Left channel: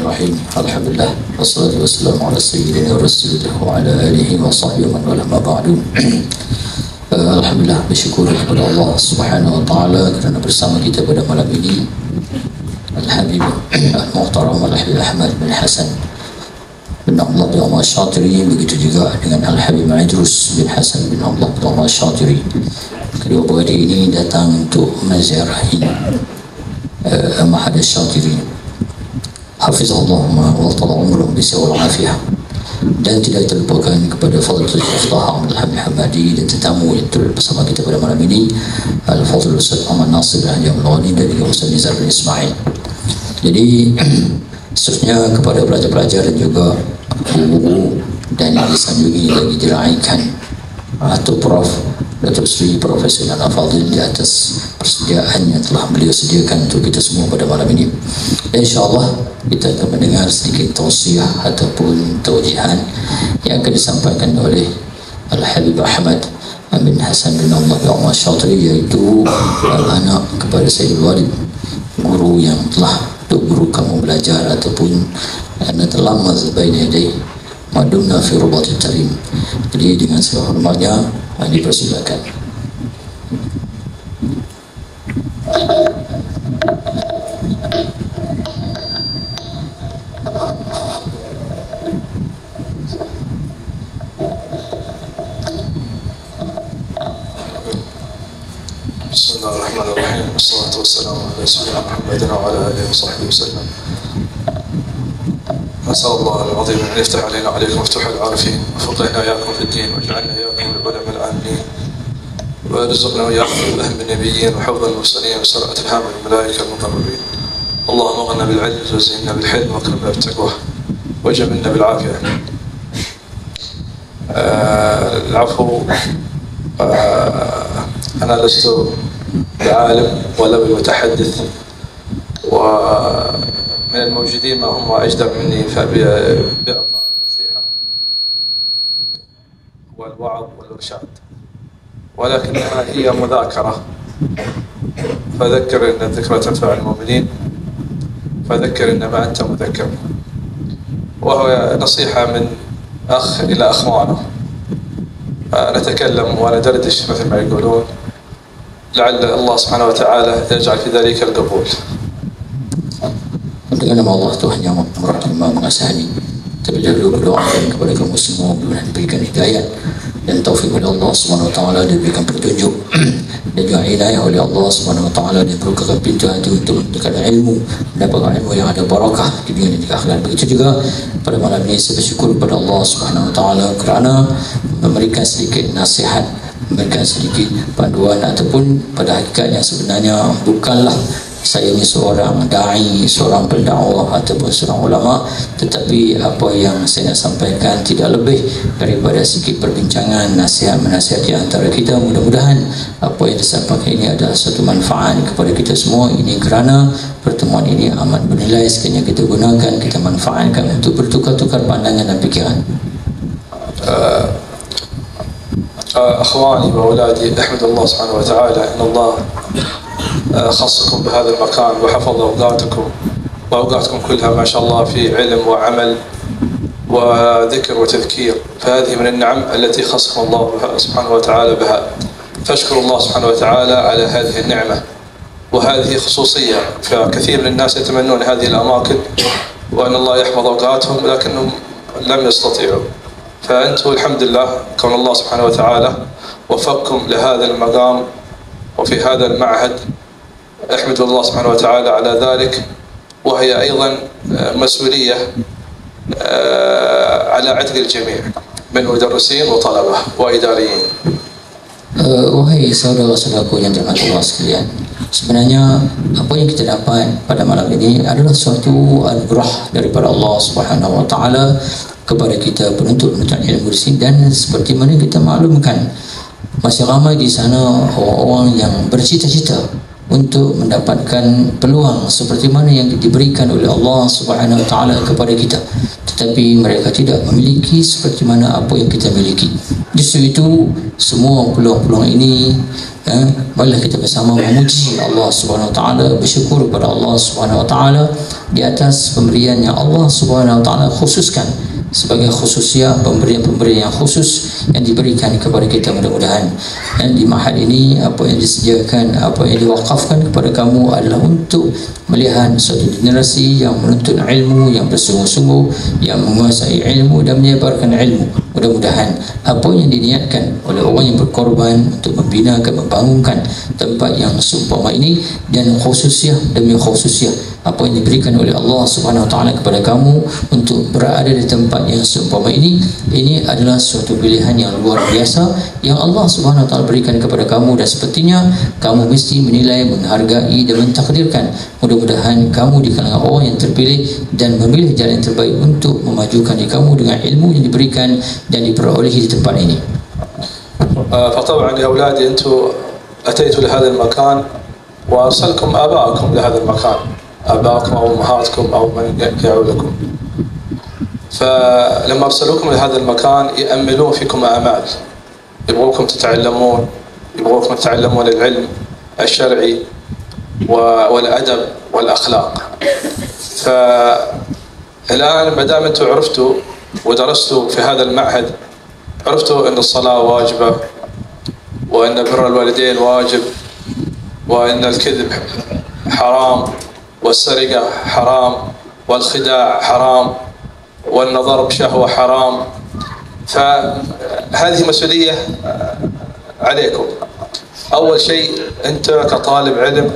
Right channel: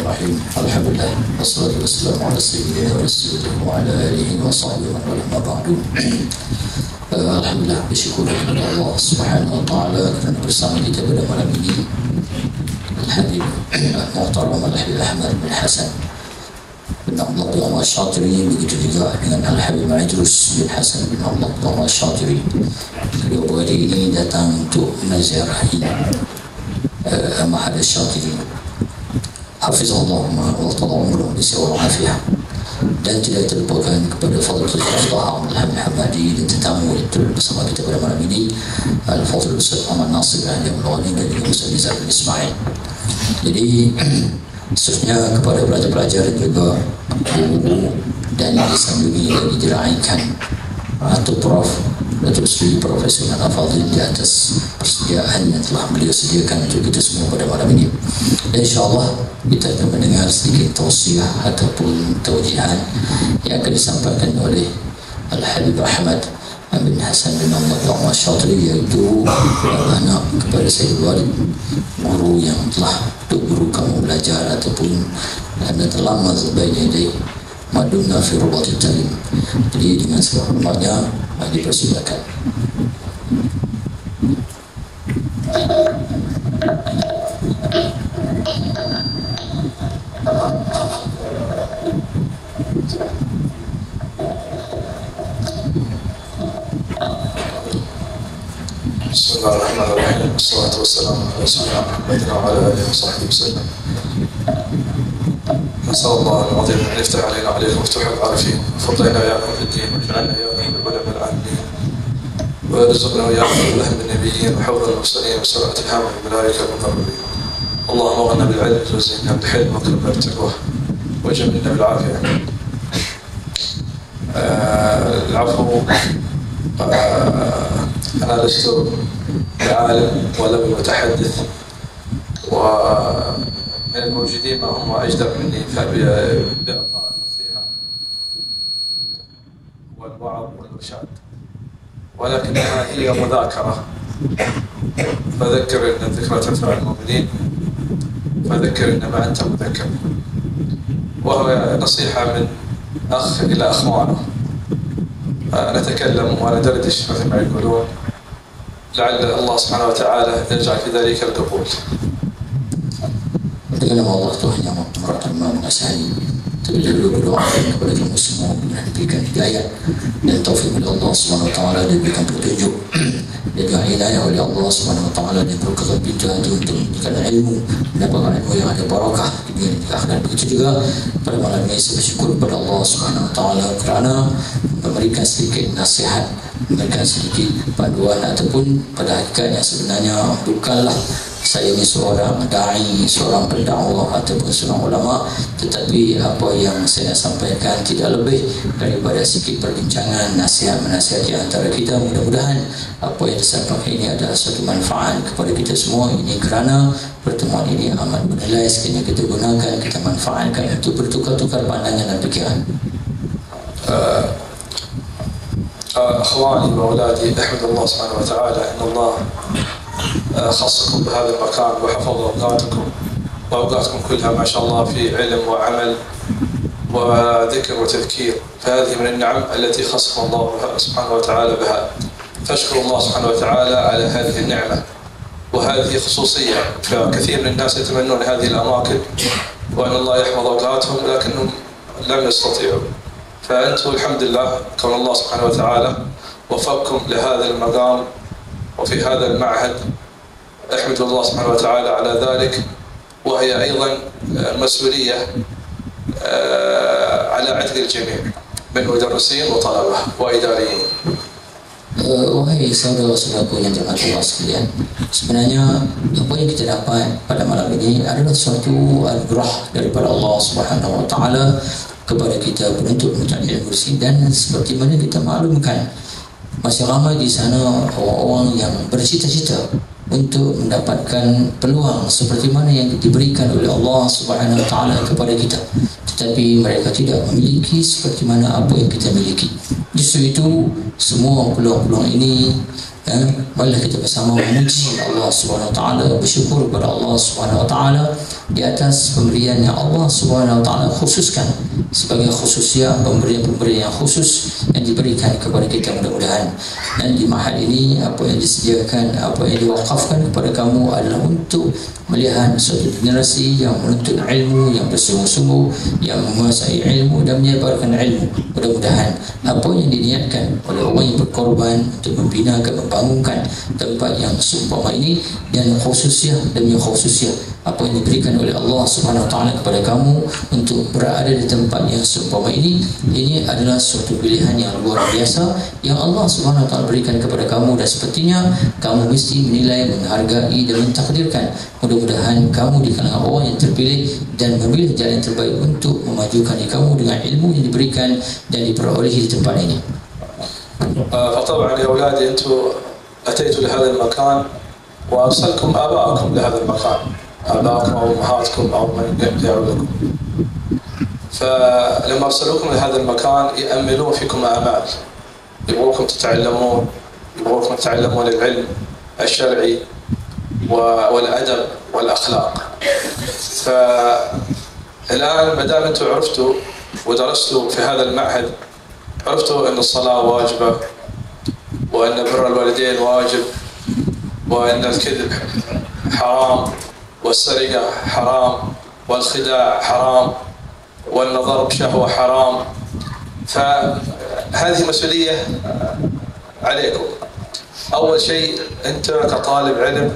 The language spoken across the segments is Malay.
Bismillahirrahmanirrahim. Alhamdulillah wassalatu wassalamu ala sayyidina rasulillah wa ala alihi wa sahbihi wa man wala ma ba'du. Alhamdulillah, bersyukur kepada Allah Subhanahu wa taala kerana bersama kita pada malam ini Al-Habib Al-Muhtaram Al-Habib Ahmad bin Hasan bin Allah bin Umar Syatiri, begitu juga dengan Al-Habib Idrus bin Hasan bin Allah bin Umar Syatiri. Kedua beradik ini datang untuk menziarahi Mahad Syatiri, hafizahullah wa ta'ala umruh bisawal afiyah. Dan tidak terlupakan kepada Fadlatul Muftah Abdul Hamid Hamadi dan tetamu yang turut bersama kita pada malam ini, Al-Fadl Ustaz Ahmad Nasir bin Haji Al-Ghani dan juga Ustaz Nizar bin Ismail. Jadi seterusnya kepada pelajar-pelajar dan juga guru dan yang disanjungi lagi diraikan Atuk Prof Datuk Seri Profesor Nana Fadil di atas persediaan yang telah beliau sediakan untuk kita semua pada malam ini. Dan insyaAllah kita akan mendengar sedikit tausiah ataupun taujihan yang akan disampaikan oleh Al-Habib Ahmad bin Hasan bin Allah bin Umar Syatiri, iaitu anak kepada Sayyid Walid, guru yang telah guru kamu belajar ataupun anda telah mazbaina yadayh madumna fi rubatit tarim. Jadi dengan segala hormatnya dipersilakan. Bismillahirrahmanirrahim. Wassalatu wassalamu ala sayyidina Muhammadin wa ala alihi wa sahbihi wasallam. نسأل الله العظيم أن يفتح علينا وعليكم مفتوح العارفين، وفقهنا إياكم في الدين، واجعلنا إياكم من العلماء العاملين، وارزقنا وإياكم بفهم النبيين وحوض المرسلين وسرعة الهام الملائكة المقربين. اللهم اغننا بالعلم وزينا بالحلم واكرمنا بالتقوى وجملنا بالعافية. العفو، أنا لست بعالم ولا بمتحدث، ومن الموجودين ما هم أجدر مني بإعطاء النصيحة والوعظ والإرشاد، ولكنها هي مذاكرة، فذكر إن الذكرى تنفع المؤمنين، فذكر إنما أنت مذكر. وهو نصيحة من أخ إلى أخوانه، نتكلم وندردش مثل ما يقولون، لعل الله سبحانه وتعالى يجعل في ذلك القبول. Dengan nama Allah Tuhan yang Maha Mengasihani, terlebih dahulu berdoakan kepada kamu semua mudah diberikan hidayah dan taufik oleh Allah Subhanahu wa taala, diberikan petunjuk dan juga inayah oleh Allah Subhanahu wa taala, dan bukakan pintu hati untuk mendapatkan ilmu, mendapatkan ilmu yang ada barakah di dunia dan di akhirat. Begitu juga pada malam ini saya bersyukur kepada Allah Subhanahu wa taala kerana memberikan sedikit nasihat, memberikan sedikit panduan, ataupun pada hakikatnya sebenarnya bukanlah saya ini seorang da'i, seorang pendakwah ataupun seorang ulama, tetapi apa yang saya nak sampaikan tidak lebih daripada sedikit perbincangan, nasihat menasihati antara kita. Mudah-mudahan apa yang disampaikan ini adalah satu manfaat kepada kita semua. Ini kerana pertemuan ini amat bernilai, sekiranya kita gunakan, kita manfaatkan untuk bertukar-tukar pandangan dan fikiran. أخواني وأولادي، أحمد الله سبحانه وتعالى أن الله خصكم بهذا المكان وحفظ أوقاتكم وأوقاتكم كلها ما شاء الله في علم وعمل وذكر وتذكير، فهذه من النعم التي خصكم الله سبحانه وتعالى بها، فاشكروا الله سبحانه وتعالى على هذه النعمة. وهذه خصوصية، فكثير من الناس يتمنون هذه الأماكن وأن الله يحفظ أوقاتهم لكنهم لم يستطيعوا، فأنتم الحمد لله كون الله سبحانه وتعالى وفقكم لهذا المقام وفي هذا المعهد، أحمد الله سبحانه وتعالى على ذلك. وهي أيضا مسؤولية على عتق الجميع من مدرسين وطلبة وإداريين. Wahai saudara-saudaraku yang dirahmati Allah sekalian, sebenarnya apa yang kita dapat pada malam ini adalah suatu anugerah daripada Allah Subhanahu wa taala kepada kita penuntut-penuntut ilmu di sini. Dan seperti mana kita maklumkan, masih ramai di sana orang-orang yang bercita-cita untuk mendapatkan peluang seperti mana yang diberikan oleh Allah Subhanahu wa taala kepada kita, tetapi mereka tidak memiliki seperti mana apa yang kita miliki. Justru itu semua peluang-peluang ini Marilah kita bersama memuji Allah Subhanahu Wa Taala, bersyukur kepada Allah Subhanahu Wa Taala di atas pemberian yang Allah Subhanahu Wa Taala khususkan sebagai khususiah, pemberian-pemberian yang khusus yang diberikan kepada kita. Mudah-mudahan di mahad ini apa yang disediakan, apa yang diwakafkan kepada kamu adalah untuk melihat suatu generasi yang menuntut ilmu, yang bersungguh-sungguh, yang menguasai ilmu dan menyebarkan ilmu. Mudah-mudahan apa yang diniatkan oleh orang yang berkorban untuk membinakan, membangunkan tempat yang seumpama ini, dan khususiah demi khususiah apa yang diberikan oleh Allah Subhanahu Wa Taala kepada kamu untuk berada di tempat yang seumpama ini adalah suatu pilihan yang luar biasa yang Allah Subhanahu Wa Taala berikan kepada kamu, dan sepertinya kamu mesti menilai, menghargai dan mentakdirkan. Mudah-mudahan kamu di kalangan orang yang terpilih dan memilih jalan yang terbaik untuk memajukan diri kamu dengan ilmu yang diberikan dan diperolehi di tempat ini. فطبعا يا أولادي أنتم أتيتوا لهذا المكان وأرسلكم آباءكم لهذا المكان، آباءكم أو أمهاتكم أو من يعولكم، فلما أرسلوكم لهذا المكان يأملون فيكم آمال، يبغوكم تتعلمون، يبغوكم تتعلمون العلم الشرعي والأدب والأخلاق. فالآن ما دام أنتم عرفتوا ودرستوا في هذا المعهد، عرفتوا أن الصلاة واجبة، وأن بر الوالدين واجب، وأن الكذب حرام، والسرقة حرام، والخداع حرام، والنظر بشهوة حرام. فهذه مسؤولية عليكم. أول شيء أنت كطالب علم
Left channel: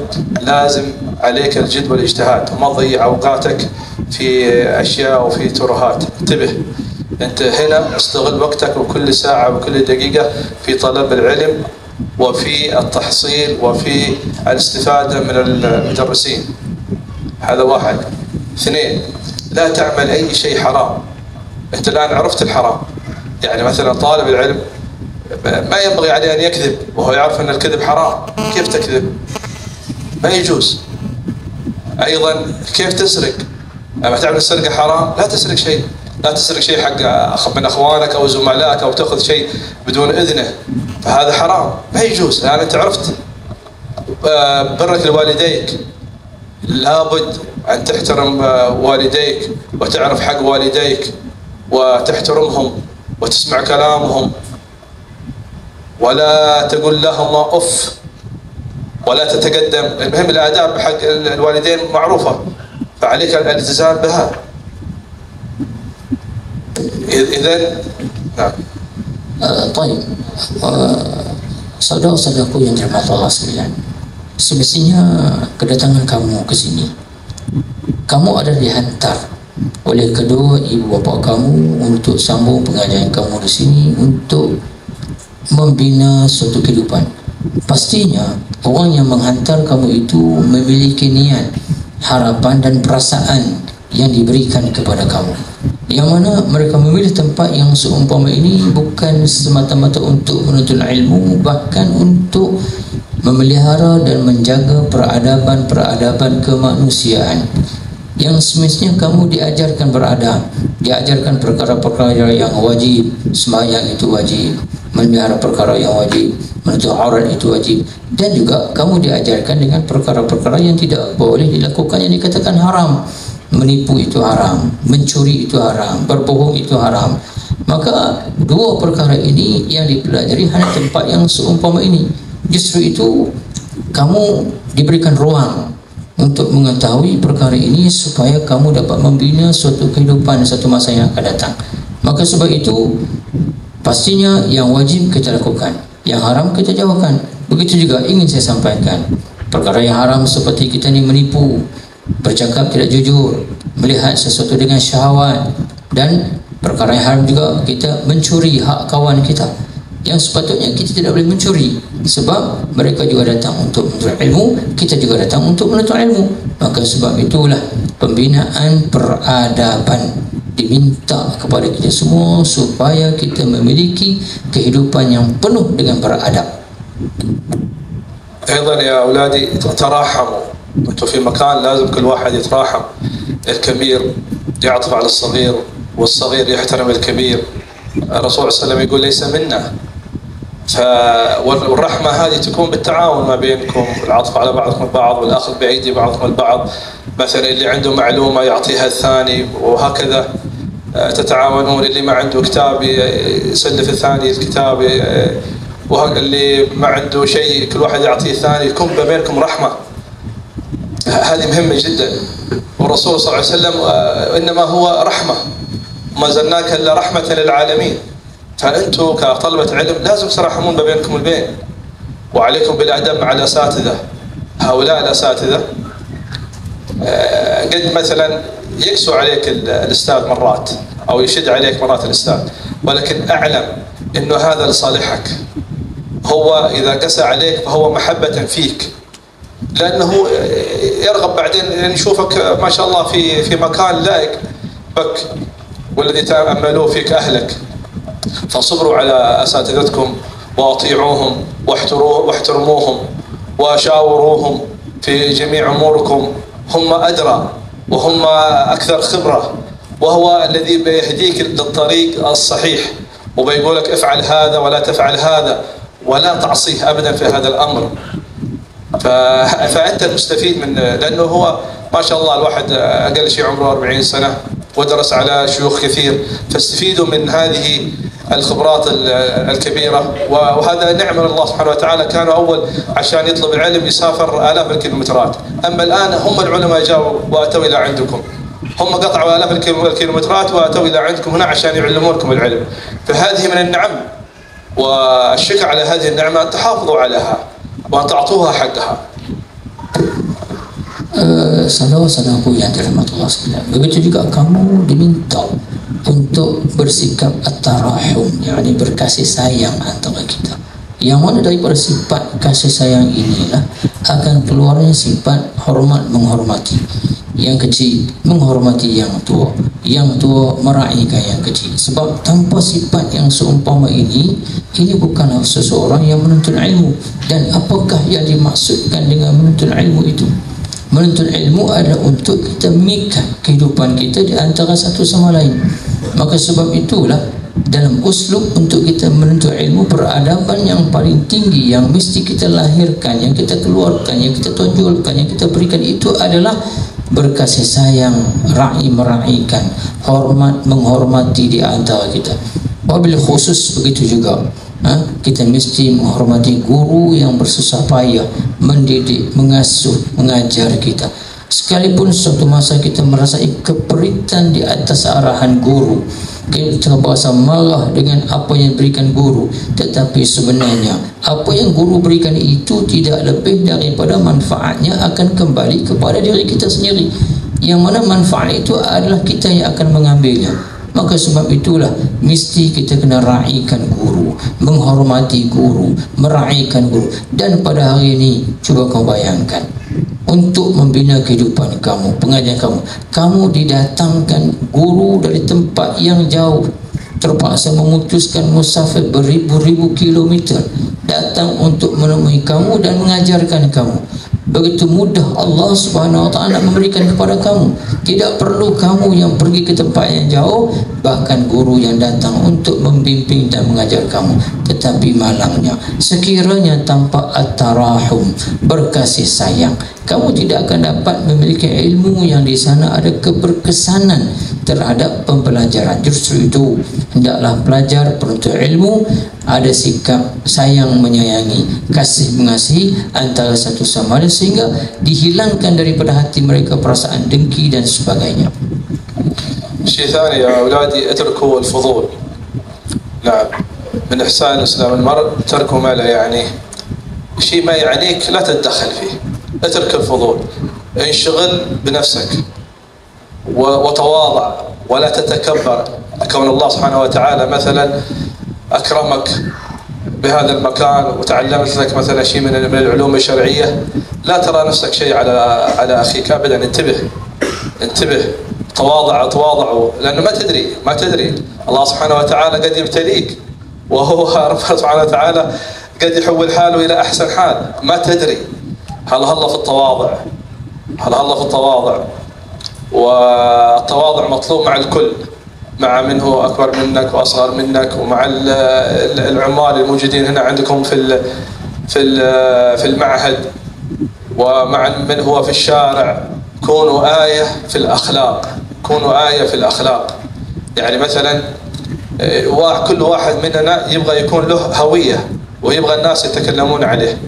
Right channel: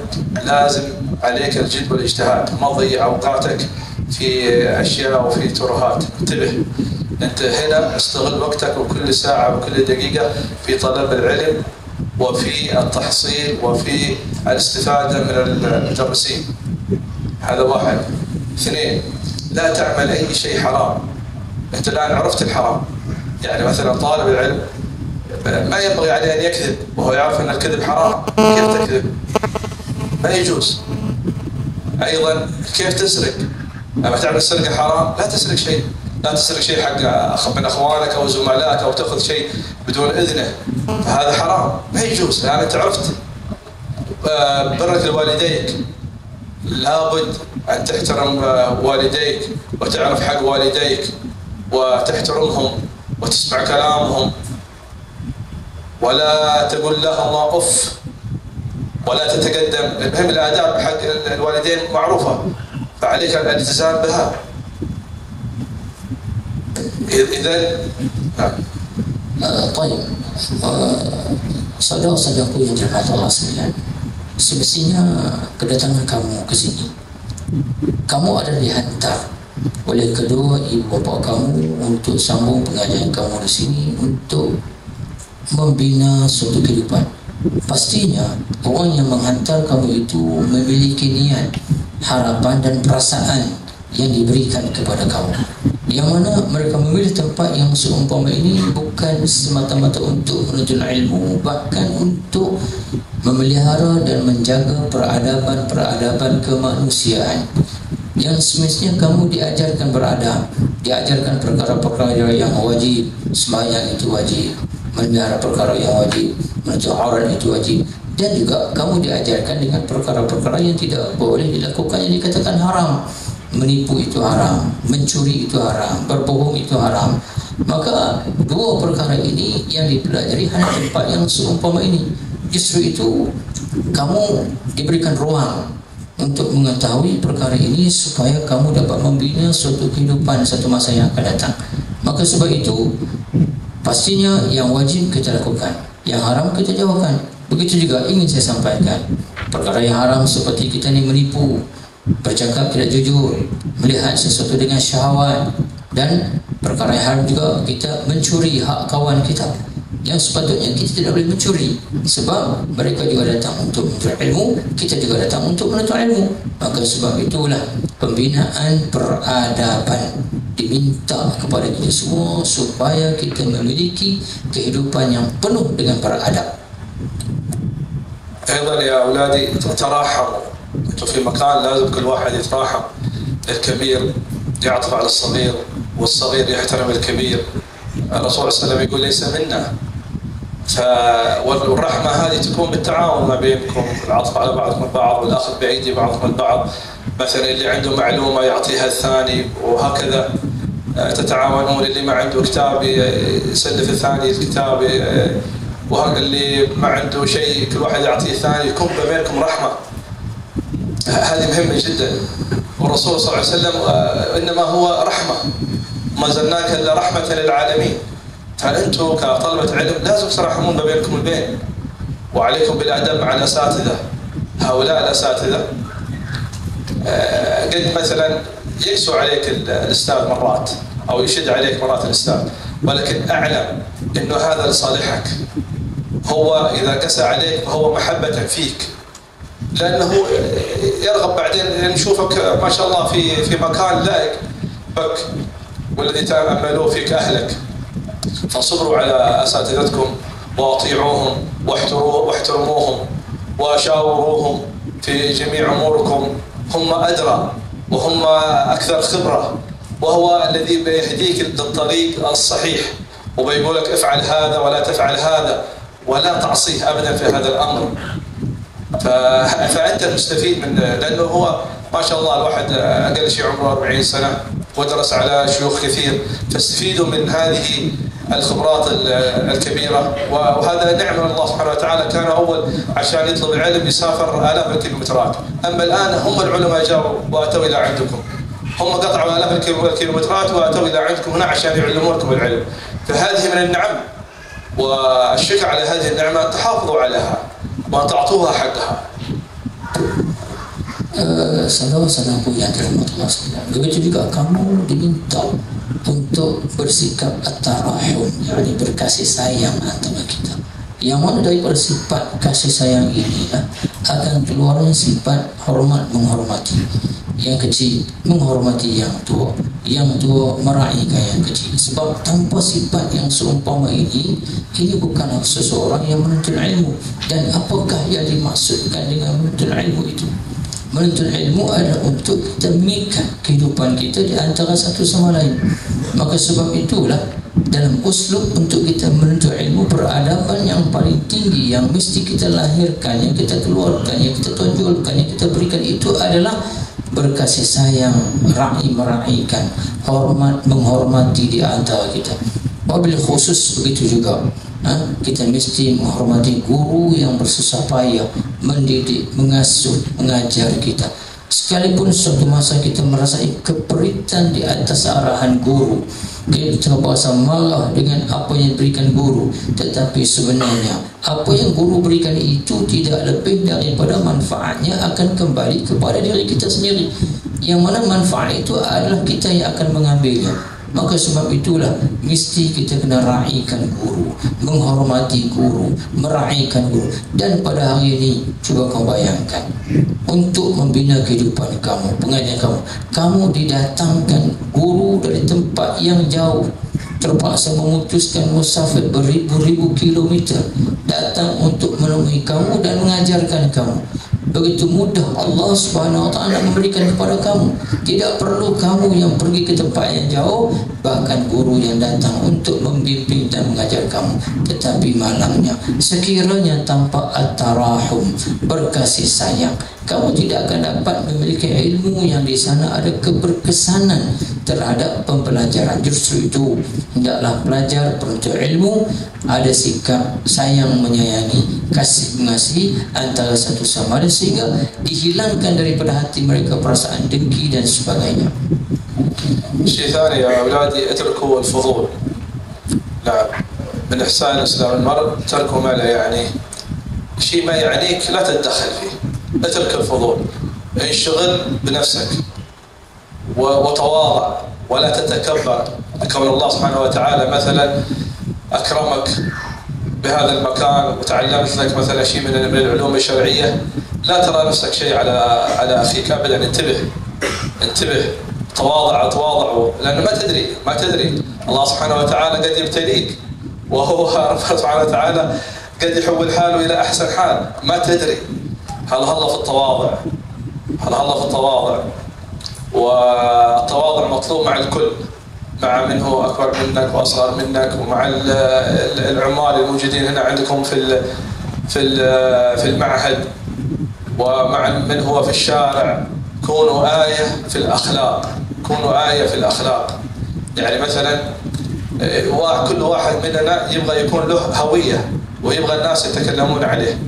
لازم عليك الجد والاجتهاد، وما تضيع أوقاتك في أشياء وفي ترهات. انتبه، أنت هنا استغل وقتك وكل ساعة وكل دقيقة في طلب العلم وفي التحصيل وفي الاستفادة من المدرسين. هذا واحد. اثنين، لا تعمل أي شيء حرام. أنت الآن عرفت الحرام، يعني مثلا طالب العلم ما ينبغي عليه أن يكذب وهو يعرف أن الكذب حرام. كيف تكذب؟ ما يجوز. أيضا كيف تسرق؟ أما تعمل السرقة حرام، لا تسرق شيء، لا تسرق شيء حق من أخوانك أو زملائك أو تأخذ شيء بدون إذنه، فهذا حرام ما يجوز. يعني أنت عرفت برك لوالديك، لابد أن تحترم والديك وتعرف حق والديك وتحترمهم وتسمع كلامهم، ولا تقول لهم أف ولا تتقدم. المهم الآداب حق الوالدين معروفة، فعليك الالتزام بها. إذن نعم. طيب, saudara-saudaraku yang dirahmati Allah sekalian, semestinya kedatangan kamu ke sini, kamu ada dihantar oleh kedua ibu bapa kamu untuk sambung pengajaran kamu di sini untuk membina suatu kehidupan. Pastinya orang yang menghantar kamu itu memiliki niat, harapan dan perasaan yang diberikan kepada kamu, yang mana mereka memilih tempat yang seumpama ini bukan semata-mata untuk menuntut ilmu, bahkan untuk memelihara dan menjaga peradaban kemanusiaan yang semestinya kamu diajarkan beradab, diajarkan perkara-perkara yang wajib. Sembahyang itu wajib, memelihara perkara yang wajib, menutup aurat itu wajib, dan juga kamu diajarkan dengan perkara-perkara yang tidak boleh dilakukan, yang dikatakan haram. Menipu itu haram, mencuri itu haram, berbohong itu haram. Maka dua perkara ini yang dipelajari hanya tempat yang seumpama ini. Justru itu kamu diberikan ruang untuk mengetahui perkara ini supaya kamu dapat membina suatu kehidupan satu masa yang akan datang. Maka sebab itu pastinya yang wajib kita lakukan, yang haram kita jauhkan. Begitu juga ingin saya sampaikan, perkara yang haram seperti kita ni menipu, bercakap tidak jujur, melihat sesuatu dengan syahwat, dan perkara yang haram juga kita mencuri hak kawan kita yang sepatutnya kita tidak boleh mencuri, sebab mereka juga datang untuk menuntut ilmu, kita juga datang untuk menuntut ilmu. Maka sebab itulah pembinaan peradaban diminta kepada kita semua supaya kita memiliki kehidupan yang penuh dengan beradab. أيضا يا أولادي تراحموا. أنتم في مكان لازم كل واحد يتراحم. الكبير يعطف على الصغير والصغير يحترم الكبير. الرسول صلى الله عليه وسلم يقول ليس منا والرحمة هذه تكون بالتعاون ما بينكم، العطف على بعضكم البعض والأخذ بأيدي بعضكم البعض. مثلا اللي عنده معلومة يعطيها الثاني، وهكذا تتعاونون. اللي ما عنده كتاب يسلف الثاني الكتاب، اللي ما عنده شيء كل واحد يعطيه الثاني، يكون بينكم رحمة. هذه مهمة جدا. والرسول صلى الله عليه وسلم إنما هو رحمة، ما زلناك إلا رحمة للعالمين. فأنتم كطلبة علم لازم ترحمون بينكم البين، وعليكم بالأدب مع الأساتذة. هؤلاء الأساتذة قد مثلا يقسو عليك الأستاذ مرات، أو يشد عليك مرات الأستاذ، ولكن أعلم إنه هذا لصالحك. هو إذا قسى عليك فهو محبة فيك، لأنه يرغب بعدين أن يشوفك ما شاء الله في مكان لائق بك، والذي تأملوه فيك أهلك. فصبروا على أساتذتكم وأطيعوهم واحترموهم وشاوروهم في جميع أموركم. هم أدرى وهم أكثر خبرة، وهو الذي بيهديك للطريق الصحيح، وبيقول لك افعل هذا ولا تفعل هذا، ولا تعصيه أبدا في هذا الأمر. فأنت المستفيد من، لأنه هو ما شاء الله الواحد أقل شيء عمره 40 سنة ودرس على شيوخ كثير، فاستفيدوا من هذه الخبرات الكبيرة. وهذا نعمة من الله سبحانه وتعالى. كانوا أول عشان يطلب العلم يسافر آلاف الكيلومترات، أما الآن هم العلماء جاءوا وأتوا إلى عندكم، هم قطعوا آلاف الكيلومترات وأتوا إلى عندكم هنا عشان يعلمونكم العلم. فهذه من النعم، والشكر على هذه النعمة أن تحافظوا عليها وأن تعطوها حقها. Saudara-saudaraku yang dirahmati Allah sekalian, begitu juga kamu diminta untuk bersikap at-tarahum, yakni berkasih sayang antara kita. Yang mana daripada sifat kasih sayang inilah akan keluarnya sifat hormat menghormati. Yang kecil menghormati yang tua meraihkan yang kecil. Sebab tanpa sifat yang seumpama ini bukanlah seseorang yang menuntut ilmu. Dan apakah yang dimaksudkan dengan menuntut ilmu itu? Menuntut ilmu adalah untuk kita mengikat kehidupan kita di antara satu sama lain. Maka sebab itulah dalam uslub untuk kita menuntut ilmu, peradaban yang paling tinggi yang mesti kita lahirkan, yang kita keluarkan, yang kita tonjolkan, yang kita berikan itu adalah berkasih sayang, meraihkan, hormat menghormati di antara kita. Wabil khusus begitu juga, kita mesti menghormati guru yang bersusah payah mendidik, mengasuh, mengajar kita. Sekalipun suatu masa kita merasai keperitan di atas arahan guru, kita berasa marah dengan apa yang diberikan guru, tetapi sebenarnya apa yang guru berikan itu tidak lebih daripada manfaatnya akan kembali kepada diri kita sendiri, yang mana manfaat itu adalah kita yang akan mengambilnya. Maka sebab itulah mesti kita kena raikan guru, menghormati guru, meraihkan guru. Dan pada hari ini cuba kau bayangkan, untuk membina kehidupan kamu, pengajian kamu didatangkan guru dari tempat yang jauh, terpaksa memutuskan musafir beribu-ribu kilometer datang untuk menemui kamu dan mengajarkan kamu. Begitu mudah Allah Subhanahu wa taala memberikan kepada kamu. Tidak perlu kamu yang pergi ke tempat yang jauh, bahkan guru yang datang untuk membimbing dan mengajar kamu. Tetapi malangnya, sekiranya tanpa at-tarahum, berkasih sayang, kamu tidak akan dapat memiliki ilmu yang di sana ada keberkesanan terhadap pembelajaran. Justru itu, hendaklah pelajar penuntut ilmu ada sikap sayang menyayangi, kasih mengasihi antara satu sama lain, sehingga dihilangkan daripada hati mereka perasaan dengki dan sebagainya. شيء ثاني يا أولادي، اتركوا الفضول. نعم، من إحسان إسلام المرء تركوا ما لا يعنيه. شيء ما يعنيك لا تتدخل فيه، اترك الفضول، انشغل بنفسك وتواضع ولا تتكبر. كون الله سبحانه وتعالى مثلا أكرمك بهذا المكان وتعلمت لك مثلا شيء من العلوم الشرعية، لا ترى نفسك شيء على أخيك أبدا. انتبه، تواضعوا، لأنه ما تدري الله سبحانه وتعالى قد يبتليك، وهو رب سبحانه وتعالى قد يحول حاله إلى أحسن حال، ما تدري. هلا في التواضع، والتواضع مطلوب مع الكل، مع من هو أكبر منك وأصغر منك، ومع العمال الموجودين هنا عندكم في المعهد، ومع من هو في الشارع. كونوا آية في الأخلاق، كونوا آية في الأخلاق. يعني مثلا كل واحد مننا يبغى يكون له هوية ويبغى الناس يتكلمون عليه.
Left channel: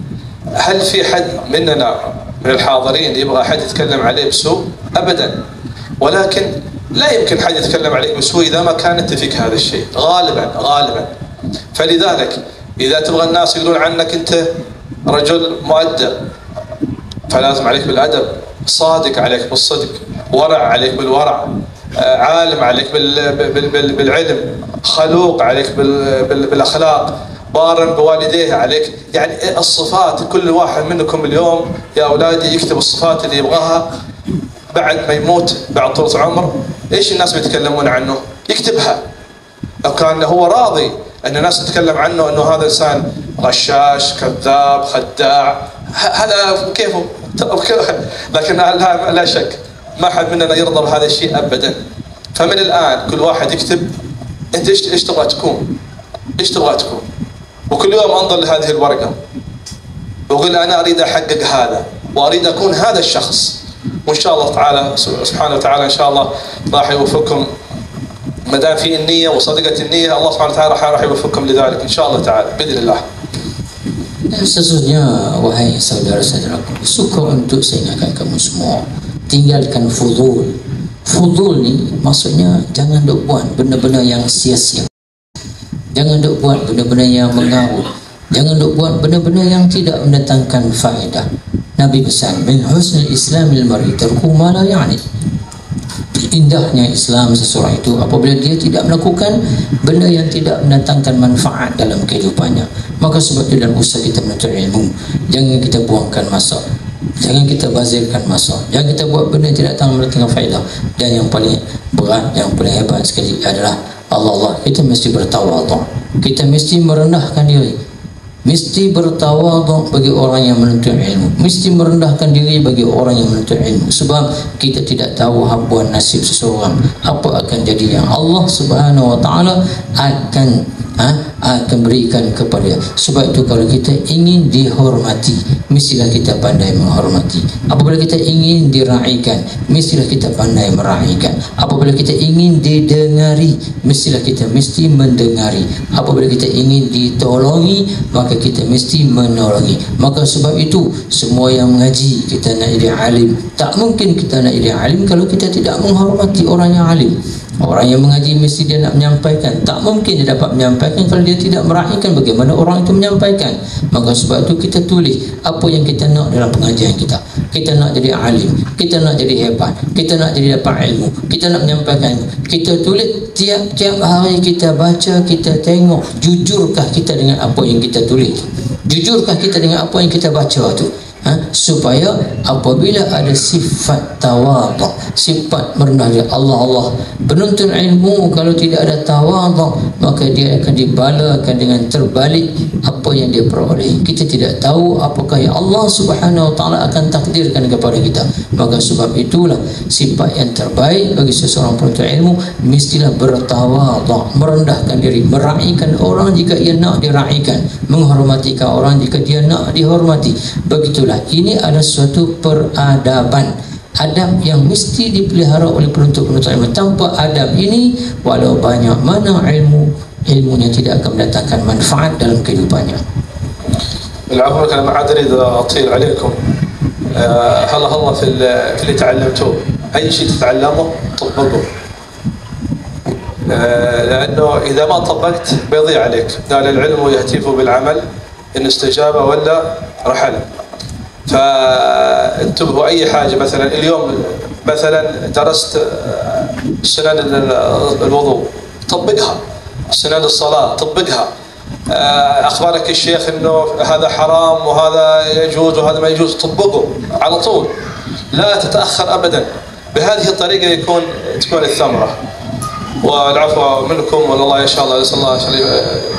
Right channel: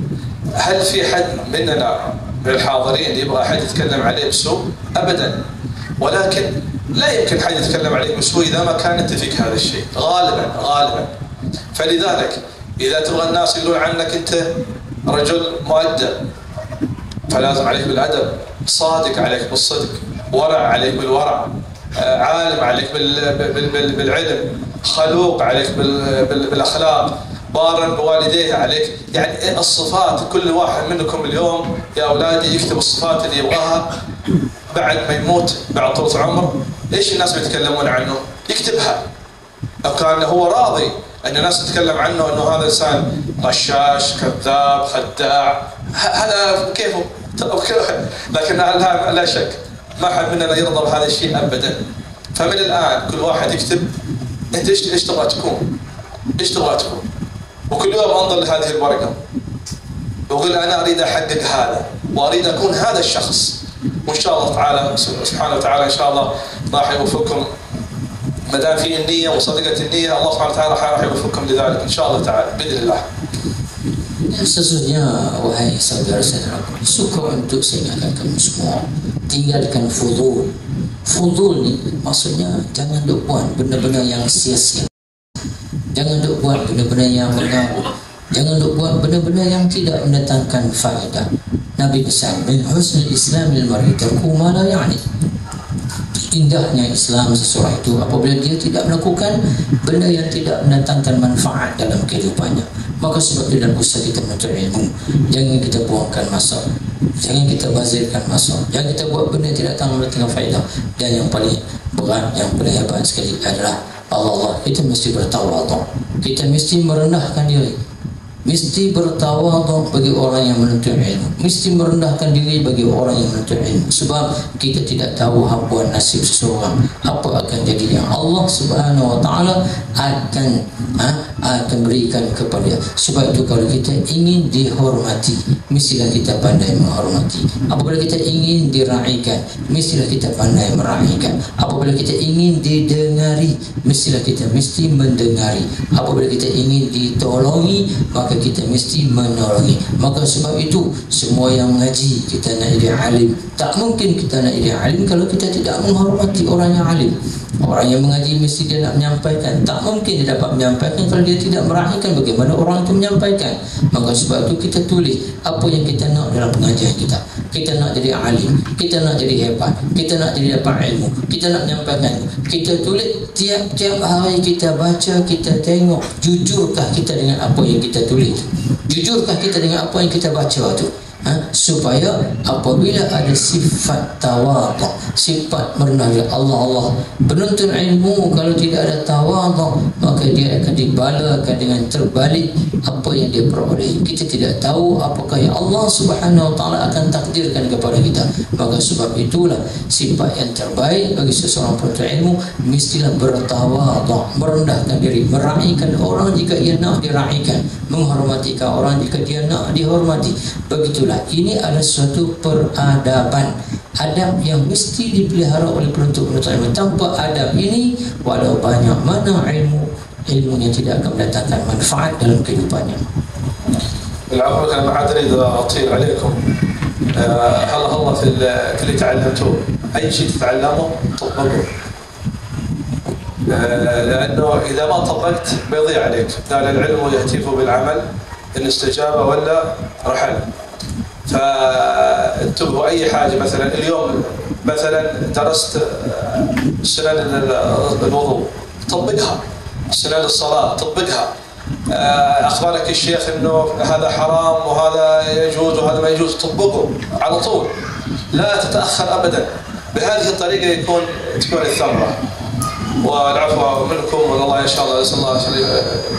هل في حد مننا من الحاضرين يبغى حد يتكلم عليه بسوء؟ أبدا. ولكن لا يمكن حد يتكلم عليك بسوء إذا ما كان أنت فيك هذا الشيء غالبا. فلذلك إذا تبغى الناس يقولون عنك أنت رجل مؤدب، فلازم عليك بالأدب، صادق عليك بالصدق، ورع عليك بالورع، عالم عليك بالعلم، خلوق عليك بالأخلاق، بارا بوالديه عليك. يعني الصفات، كل واحد منكم اليوم يا أولادي يكتب الصفات اللي يبغاها بعد ما يموت، بعد طول عمر. إيش الناس بيتكلمون عنه؟ يكتبها. لو كان هو راضي أن الناس تتكلم عنه أنه هذا إنسان غشاش، كذاب، خداع، هذا كيفه. لكن لا شك ما حد مننا يرضى بهذا الشيء أبدا. فمن الآن كل واحد يكتب أنت إيش تبغى تكون، إيش تبغى تكون، وكل يوم أنظر لهذه الورقة وأقول أنا أريد أحقق هذا وأريد أكون هذا الشخص. وإن شاء الله تعالى سبحانه وتعالى إن شاء الله راح يوفقكم. ما دام في النية وصدقة النية، الله سبحانه وتعالى راح يوفقكم لذلك إن شاء الله تعالى بإذن الله. Sesungguhnya wahai saudara-saudaraku, suka untuk saya ingatkan kamu semua, tinggalkan fudul. Fudul ni maksudnya jangan duk buat benda-benda yang sia-sia, jangan duk buat benda-benda yang mengawur, jangan duk buat benda-benda yang tidak mendatangkan faedah. Nabi pesan, min husnul islamil mar'i tarku ma la ya'ni. Indahnya Islam seseorang itu apabila dia tidak melakukan benda yang tidak mendatangkan manfaat dalam kehidupannya. Maka sebab itu dalam usaha kita menuntut ilmu, jangan kita buangkan masa, jangan kita bazirkan masa, jangan kita buat benda yang tidak mendatangkan faedah. Dan yang paling berat, yang paling hebat sekali adalah Allah. Kita mesti bertawadhu, kita mesti merendahkan diri, mesti bertawadhu bagi orang yang menuntut ilmu, mesti merendahkan diri bagi orang yang menuntut ilmu. Sebab kita tidak tahu habuan nasib seseorang, apa akan jadi yang Allah Subhanahu wa taala akan berikan kepada dia. Sebab itu kalau kita ingin dihormati, mestilah kita pandai menghormati. Apabila kita ingin diraikan, mestilah kita pandai meraikan. Apabila kita ingin didengari, mestilah kita mesti mendengari. Apabila kita ingin ditolongi, maka kita mesti menolongi. Maka sebab itu semua yang mengaji, kita nak jadi alim. Tak mungkin kita nak jadi alim kalau kita tidak menghormati orang yang alim. Orang yang mengaji mesti dia nak menyampaikan. Tak mungkin dia dapat menyampaikan kalau dia tidak meraihkan bagaimana orang itu menyampaikan. Maka sebab itu kita tulis apa yang kita nak dalam pengajian kita. Kita nak jadi alim, kita nak jadi hebat, kita nak jadi dapat ilmu, kita nak menyampaikan. Kita tulis tiap-tiap hari, kita baca, kita tengok jujurkah kita dengan apa yang kita tulis, jujurkah kita dengan apa yang kita baca tu. Supaya apabila ada sifat tawadhu, sifat merendah diri, Allah penuntut ilmu kalau tidak ada tawadhu, maka dia akan dibalakan dengan terbalik apa yang dia peroleh. Kita tidak tahu apakah yang Allah Subhanahu wa taala akan takdirkan kepada kita. Maka sebab itulah sifat yang terbaik bagi seseorang penuntut ilmu mestilah bertawadhu, merendahkan diri, meraihkan orang jika ia nak diraikan, menghormatikan orang jika dia nak dihormati. Begitulah, ini adalah suatu peradaban, adab yang mesti dipelihara oleh penuntut-penuntut ilmu. Tanpa adab ini, walau banyak mana ilmunya tidak akan mendatangkan manfaat dalam kehidupannya. بالعمر أنا ما عاد أريد أطيل عليكم. هلا في اللي تعلمتوه، أي شيء تتعلمه طبقه، لأنه إذا ما طبقت بيضيع عليك. قال العلم يهتف بالعمل إن استجاب ولا رحل. فانتبهوا أي حاجة. مثلا اليوم مثلا درست سنن الوضوء، طبقها. سنن الصلاة طبقها. أخبرك الشيخ إنه هذا حرام وهذا يجوز وهذا ما يجوز، طبقه على طول، لا تتأخر أبدا. بهذه الطريقة تكون الثمرة. والعفو منكم والله إن شاء الله نسأل الله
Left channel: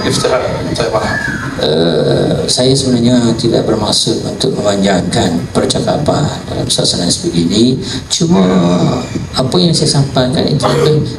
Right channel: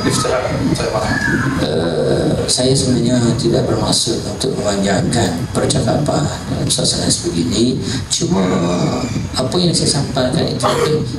يفتح. طيب saya sebenarnya tidak bermaksud untuk memanjangkan percakapan dalam suasana sebegini, cuma Apa yang saya sampaikan itu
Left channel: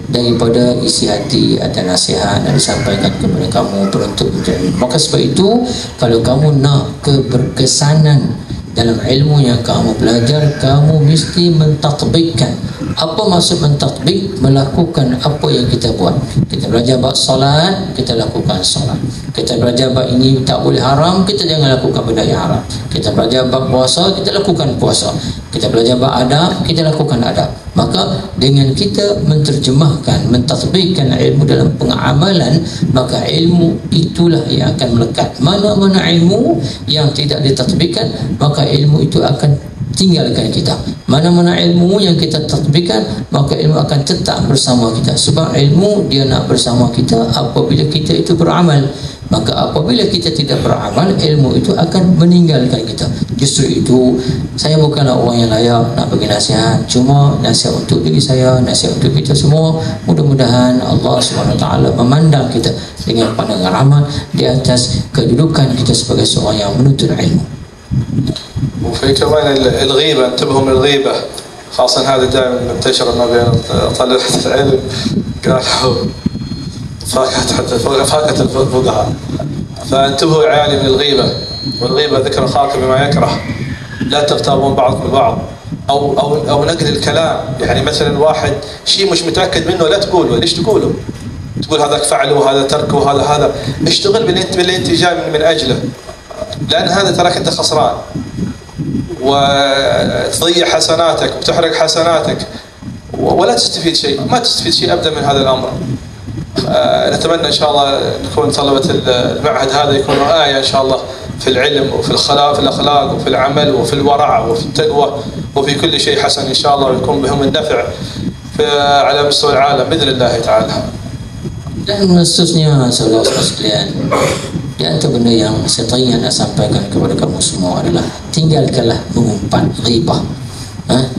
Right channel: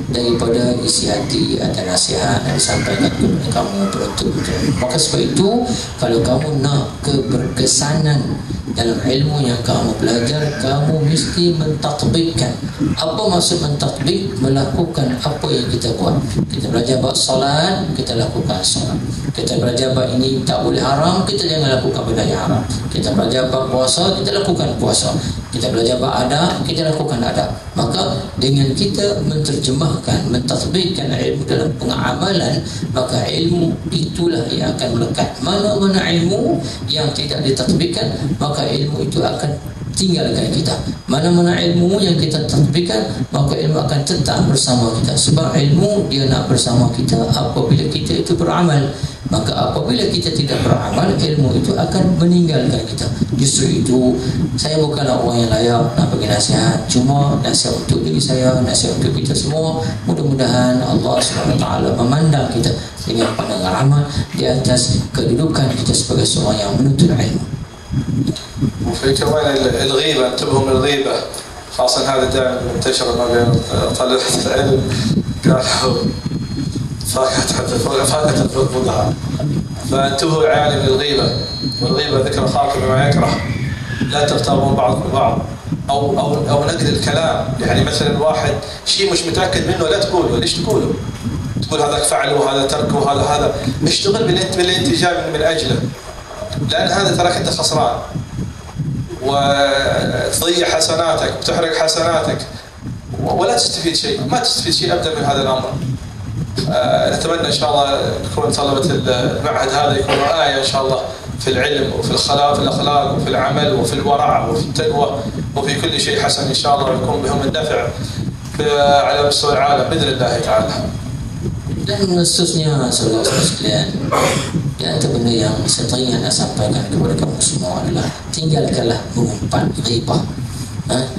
daripada isi hati atau nasihat yang disampaikan kepada kamu penuntut ilmu. Maka sebab itu, kalau kamu nak keberkesanan dalam ilmu yang kamu belajar, kamu mesti mentatbikkan. Apa maksud mentatbik? Melakukan apa yang kita buat. Kita belajar bab solat, kita lakukan solat. Kita belajar bab ini tak boleh haram, kita jangan lakukan benda yang haram. Kita belajar bab puasa, kita lakukan puasa. Kita belajar bab adab, kita lakukan adab. Maka dengan kita menterjemahkan, mentatbikkan ilmu dalam pengamalan, maka ilmu itulah yang akan melekat. Mana-mana ilmu yang tidak ditatbikkan, maka ilmu itu akan tinggalkan kita. Mana-mana ilmu yang kita tatbikkan, maka ilmu akan tetap bersama kita. Sebab ilmu dia nak bersama kita apabila kita itu beramal. Maka apabila kita tidak beramal, ilmu itu akan meninggalkan kita. Justru itu, saya bukanlah orang yang layak nak bagi nasihat. Cuma nasihat untuk diri saya, nasihat untuk kita semua. Mudah-mudahan Allah SWT memandang kita dengan pandangan rahmat di atas kedudukan kita sebagai seorang yang menuntut ilmu. وفي كمان الغيبة، انتبهوا من الغيبة، خاصة هذا دائما منتشر ما بين طلبة العلم، قالوا فاكهة الفقهاء. فانتبهوا يا عيالي من الغيبة، والغيبة ذكر أخاك بما يكره، لا تغتابون بعضكم البعض، أو نقل الكلام. يعني مثلا واحد شيء مش متأكد منه لا تقوله. ليش تقوله؟ تقول هذاك فعله وهذا تركه وهذا اشتغل باللي انت جاي من أجله، لأن هذا تراك أنت خسران وتضيع حسناتك وتحرق حسناتك ولا تستفيد شيء. ما تستفيد شيء أبدا من هذا الأمر. نتمنى إن شاء الله نكون طلبة المعهد هذا يكونوا آية إن شاء الله في العلم وفي الأخلاق وفي العمل وفي الورع وفي التقوى وفي كل شيء حسن إن شاء الله، ويكون بهم النفع على مستوى العالم بإذن الله تعالى. Dan khususnya saudara-saudara sekalian, di antara benda yang saya nak sampaikan kepada kamu semua adalah tinggalkanlah mengumpat ghibah.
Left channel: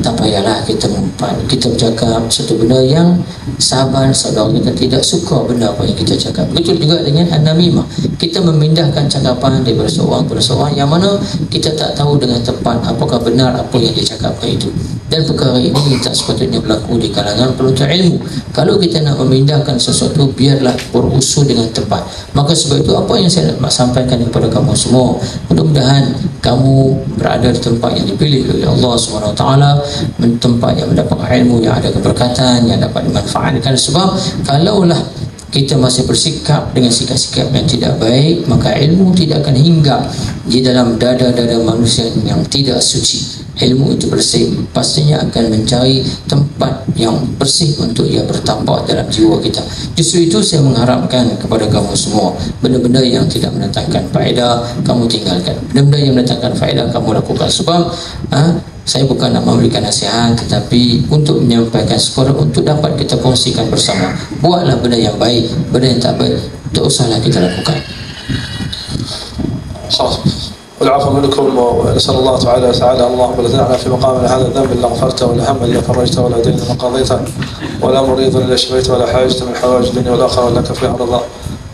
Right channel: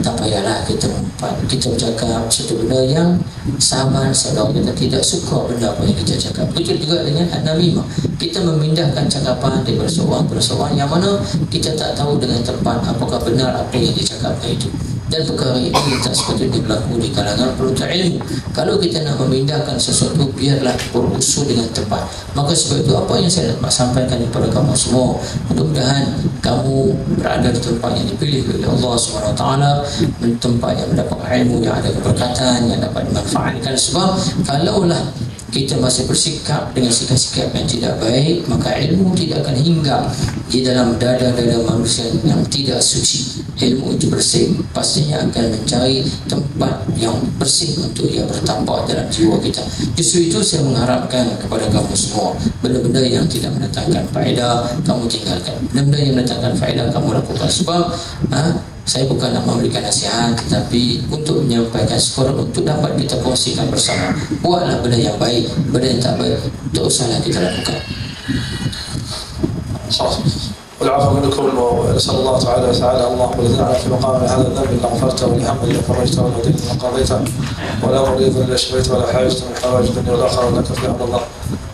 Tak payahlah kita mengumpat. Kita bercakap satu benda yang sahabat saudara kita tidak suka benda apa yang kita cakap. Begitu juga dengan an-namimah. Kita memindahkan cakapan daripada seorang kepada seorang yang mana kita tak tahu dengan tepat apakah benar apa yang dia cakapkan itu. Dan perkara ini tak sepatutnya berlaku di kalangan penuntut ilmu. Kalau kita nak memindahkan sesuatu, biarlah berusul dengan tepat. Maka sebab itu apa yang saya nak sampaikan kepada kamu semua, mudah-mudahan kamu berada di tempat yang dipilih oleh Allah SWT, tempat yang mendapat ilmu yang ada keberkatan, yang dapat dimanfaatkan. Sebab kalaulah kita masih bersikap dengan sikap-sikap yang tidak baik, maka ilmu tidak akan hinggap di dalam dada-dada manusia yang tidak suci. Ilmu itu bersih, pastinya akan mencari tempat yang bersih untuk ia bertapak dalam jiwa kita. Justru itu saya mengharapkan kepada kamu semua, benda-benda yang tidak mendatangkan faedah kamu tinggalkan, benda-benda yang mendatangkan faedah kamu lakukan. Sebab saya bukan nak memberikan nasihat, tetapi untuk menyampaikan sekadar untuk dapat kita kongsikan bersama. Buatlah benda yang baik, benda yang tak baik tak usahlah kita lakukan. والعفو منكم، ونسأل الله تعالى اللهم لا تدعنا في مقامنا هذا الذنب إلا غفرته، ولا هم إلا فرجته، ولا دين إلا قضيته، ولا مريض إلا شفيته، ولا حاجة من حوائج الدنيا والآخرة لك فيها رضا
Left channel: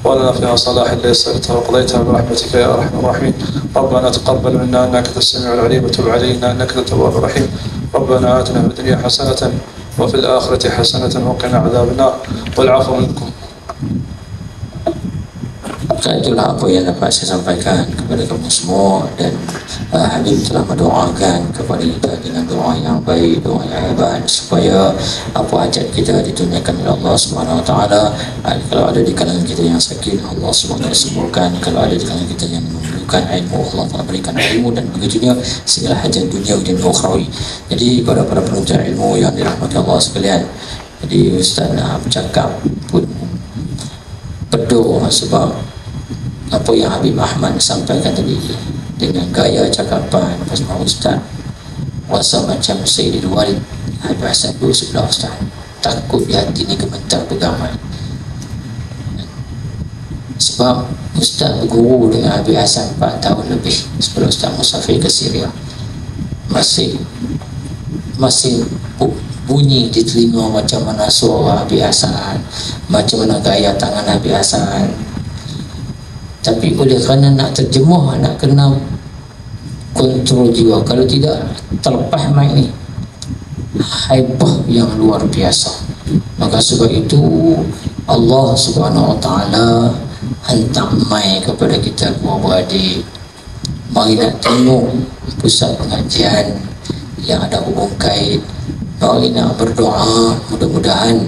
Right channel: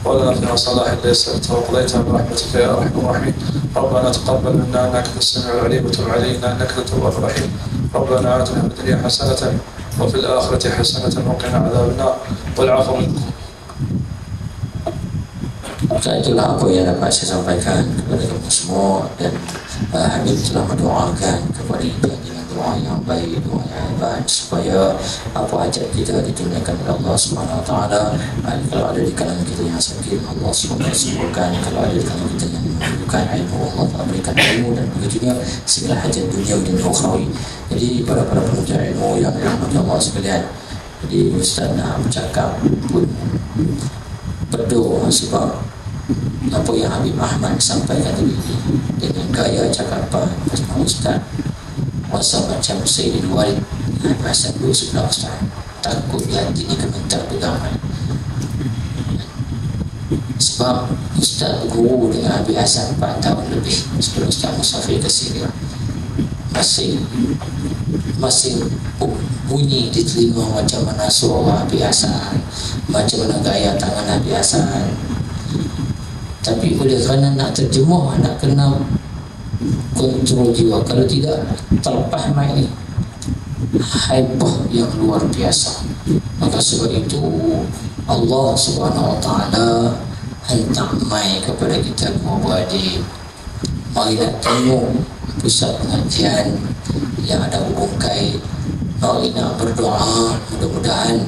ولنا فيها صلاح إلا يسرته وقضيتها برحمتك يا أرحم الراحمين. ربنا تقبل منا إنك أنت السميع العليم، وتب علينا إنك أنت التواب الرحيم. ربنا آتنا في الدنيا حسنة وفي الآخرة حسنة وقنا عذاب النار، والعفو منكم. Itulah apa yang dapat saya sampaikan kepada kamu semua. Dan Habib telah mendoakan kepada kita dengan doa yang baik, doa yang hebat, supaya apa hajat kita ditunaikan oleh Allah SWT. Kalau ada di kalangan kita yang sakit, Allah SWT sembuhkan. Kalau ada di kalangan kita yang memerlukan ilmu, Allah Ta'ala berikan ilmu, dan begitunya segala hajat dunia dan ukhrawi. Jadi para penuntut ilmu yang dirahmati Allah sekalian, jadi Ustaz nak bercakap pun peduh, sebab apa yang Habib Ahmad sampaikan tadi dengan gaya cakapan bersama Ustaz, rasa macam Sayyidul Walid Habib Hasan duduk sebelah Ustaz, takut di hati ni gemetar pegangan. Sebab Ustaz berguru dengan Habib Hasan 4 tahun lebih sebelum Ustaz musafir ke Syria. Masih bunyi di telinga macam mana suara Habib Hasan, macam mana gaya tangan Habib Hasan. Tapi oleh kerana nak terjemah, nak kena kontrol jiwa, kalau tidak terlepas mic ni, haibah yang luar biasa. Maka sebab itu Allah Subhanahu Wa Taala hantar mai kepada kita dua adik, mari nak tengok pusat pengajian yang ada hubung kait, mari nak berdoa mudah-mudahan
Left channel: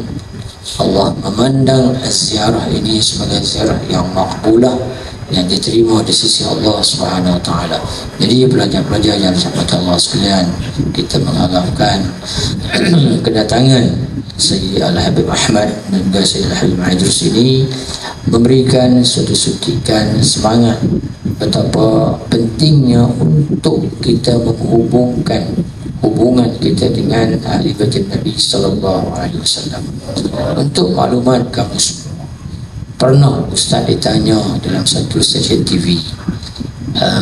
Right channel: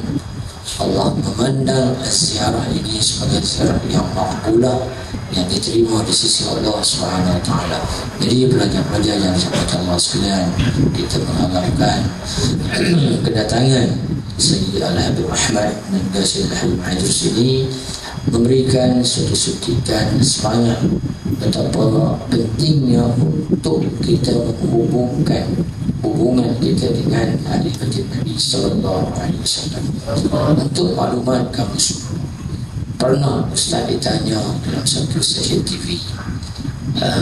Allah memandang ziarah ini sebagai ziarah yang makbulah, yang diterima di sisi Allah Subhanahu Wa Taala. Jadi pelajar-pelajar yang dirahmati Allah sekalian, kita mengharapkan kedatangan Sayyid Al-Habib Ahmad dan juga Sayyid Al-Habib Idrus ini memberikan suatu suntikan semangat betapa pentingnya untuk kita menghubungkan hubungan kita dengan ahli bait Nabi sallallahu alaihi wasallam. Untuk maklumat kamu semua, pernah Ustaz ditanya dalam satu stesen TV,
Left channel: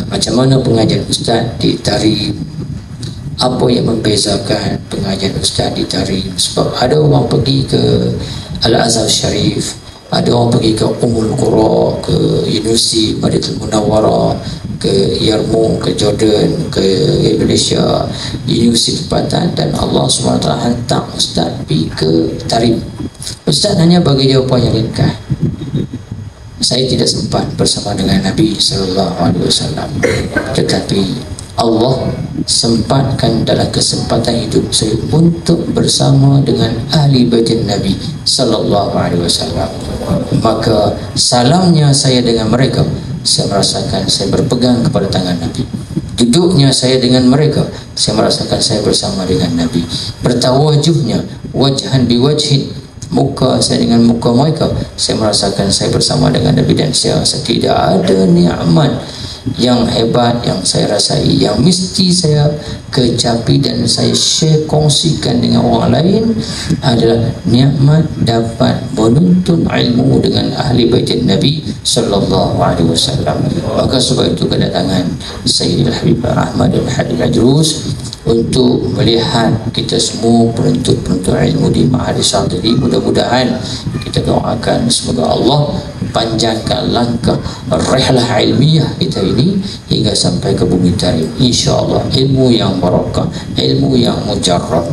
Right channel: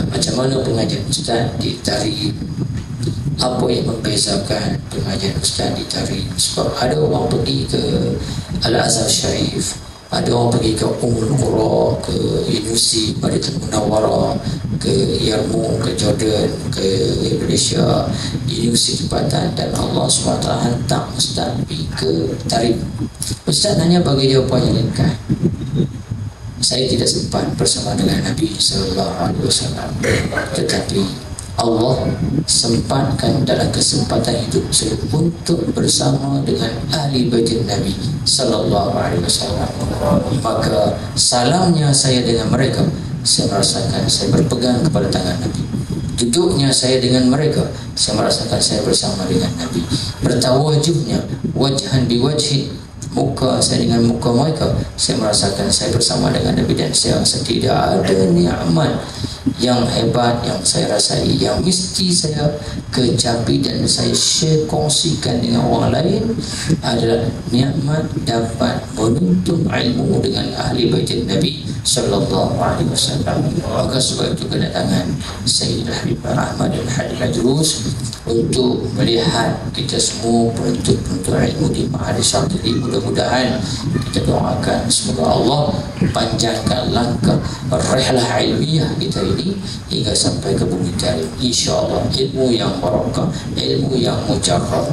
macam mana pengajian Ustaz di Tarim, apa yang membezakan pengajian Ustaz di Tarim? Sebab ada orang pergi ke Al-Azhar Sharif, ada orang pergi ke Ummul Qura, ke Universiti Madinatul Munawwarah, ke Yarmouk, ke Jordan, ke Indonesia, Universiti tempatan, dan Allah SWT hantar Ustaz pergi ke Tarim. Ustaz hanya bagi jawapan yang ringkas. Saya tidak sempat bersama dengan Nabi SAW, tetapi Allah sempatkan dalam kesempatan hidup saya untuk bersama dengan ahli bait Nabi sallallahu alaihi wasallam. Maka salamnya saya dengan mereka, saya merasakan saya berpegang kepada tangan Nabi. Duduknya saya dengan mereka, saya merasakan saya bersama dengan Nabi. Bertawajuhnya wajhan biwajhin, muka saya dengan muka mereka, saya merasakan saya bersama dengan Nabi. Dan saya rasa tidak ada nikmat yang hebat yang saya rasai, yang mesti saya kecapi dan saya share, kongsikan dengan orang lain, adalah nikmat dapat menuntut ilmu dengan ahli bait Nabi sallallahu alaihi wasallam. Maka sebab itu kedatangan Sayyidil Habib Ahmad dan Habib Idrus untuk melihat kita semua penuntut-penuntut ilmu di Ma'had Syatili. Mudah-mudahan kita doakan semoga Allah panjangkan langkah rihlah ilmiah kita ini hingga sampai ke bumi Tarim, insya-Allah. Ilmu yang barakah, ilmu yang mujarrab.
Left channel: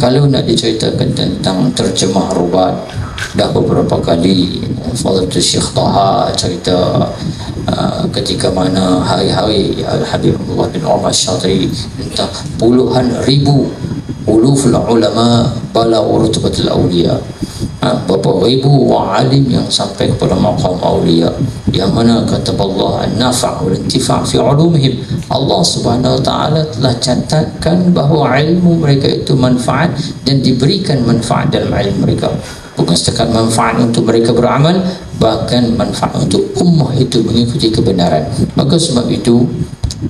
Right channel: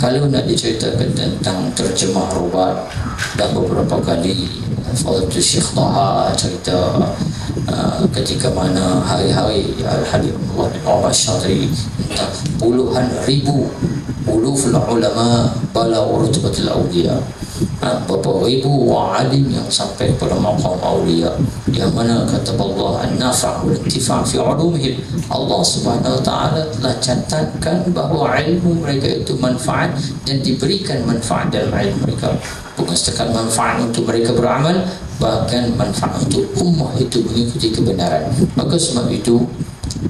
Kalau nak diceritakan tentang terjemah rubat, dah beberapa kali Fadhilatul Syekh Taha cerita ketika mana hari-hari Al-Habib Abdullah bin Umar Syatili tentang puluhan ribu uluful ulama bala urutbatul awliya, berapa ribu alim yang sampai kepada maqam awliya, yang mana kata Allah an-nafa' wal intifa' fi ulumihim. Allah Subhanahu wa taala telah catatkan bahawa ilmu mereka itu manfaat dan diberikan manfaat dalam ilmu mereka. Bukan setakat manfaat untuk mereka beramal, bahkan manfaat untuk ummah itu mengikuti kebenaran. Maka sebab itu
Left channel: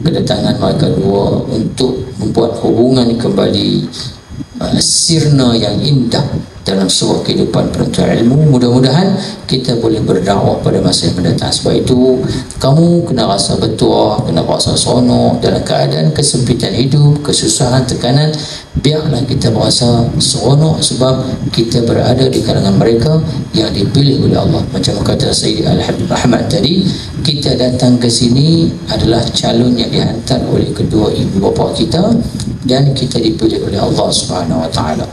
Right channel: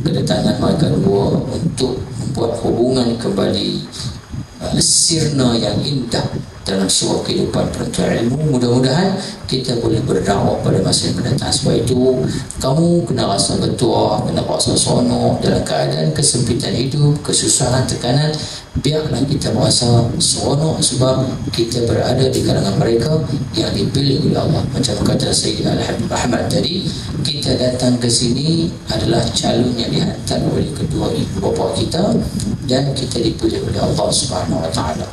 kedatangan mereka dua untuk membuat hubungan kembali sirna yang indah dalam sebuah kehidupan penuntut ilmu. Mudah-mudahan kita boleh berdakwah pada masa yang mendatang. Sebab itu kamu kena rasa bertuah, kena rasa seronok dalam keadaan kesempitan hidup, kesusahan, tekanan. Biarlah kita merasa seronok sebab kita berada di kalangan mereka yang dipilih oleh Allah. Macam kata Sayyid Al-Habib Ahmad tadi, kita datang ke sini adalah calon yang dihantar oleh kedua ibu bapa kita, dan kita dipilih oleh Allah Subhanahu wa taala.